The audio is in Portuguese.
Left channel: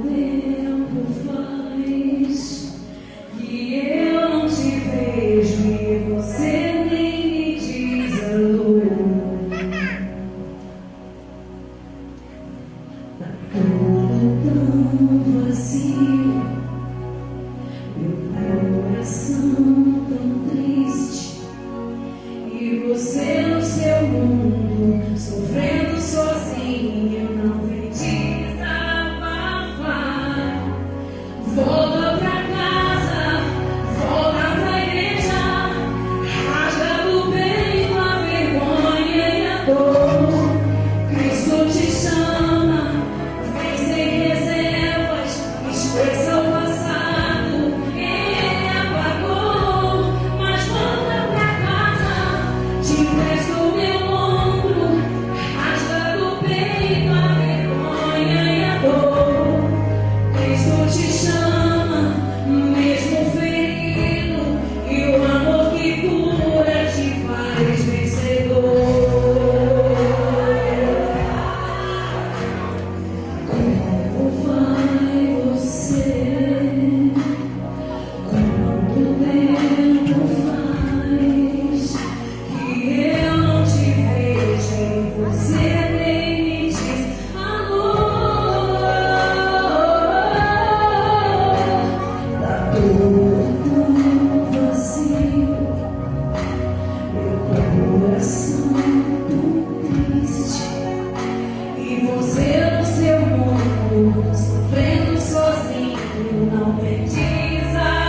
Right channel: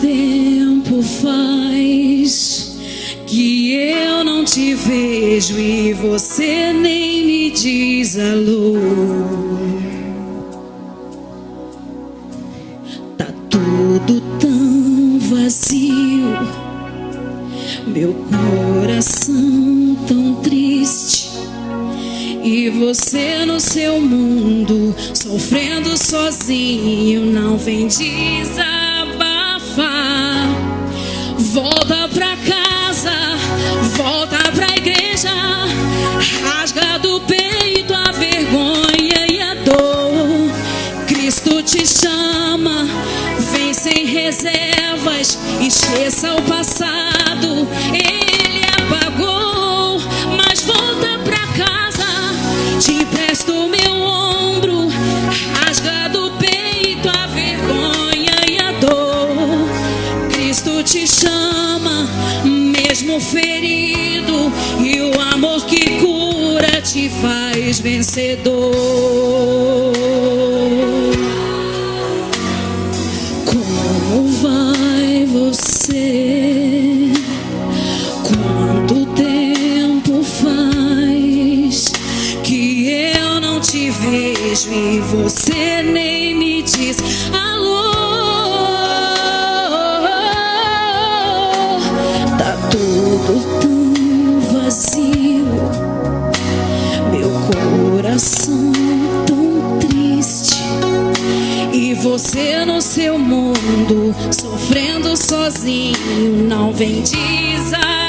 tempo faz que eu não te vejo e você nem me diz alô? Tá tudo tão vazio, meu coração tão triste, e você no seu mundo sofrendo sozinho, não vem desabafar. Volta pra casa, volta pra igreja, rasga do peito a vergonha e a dor. Cristo te chama, vem sem reservas, esqueça o passado, ele apagou. Mas volta pra casa, te empresto meu ombro, rasga do peito a vergonha e a dor. Cristo te chama, mesmo ferido, e o amor que cura te faz vencedor. Como vai você? Quanto tempo faz que eu não te vejo e você nem me diz alô? Tá tudo tão vazio, meu coração tão triste, e você no seu mundo sofrendo sozinho, não vem desabafar.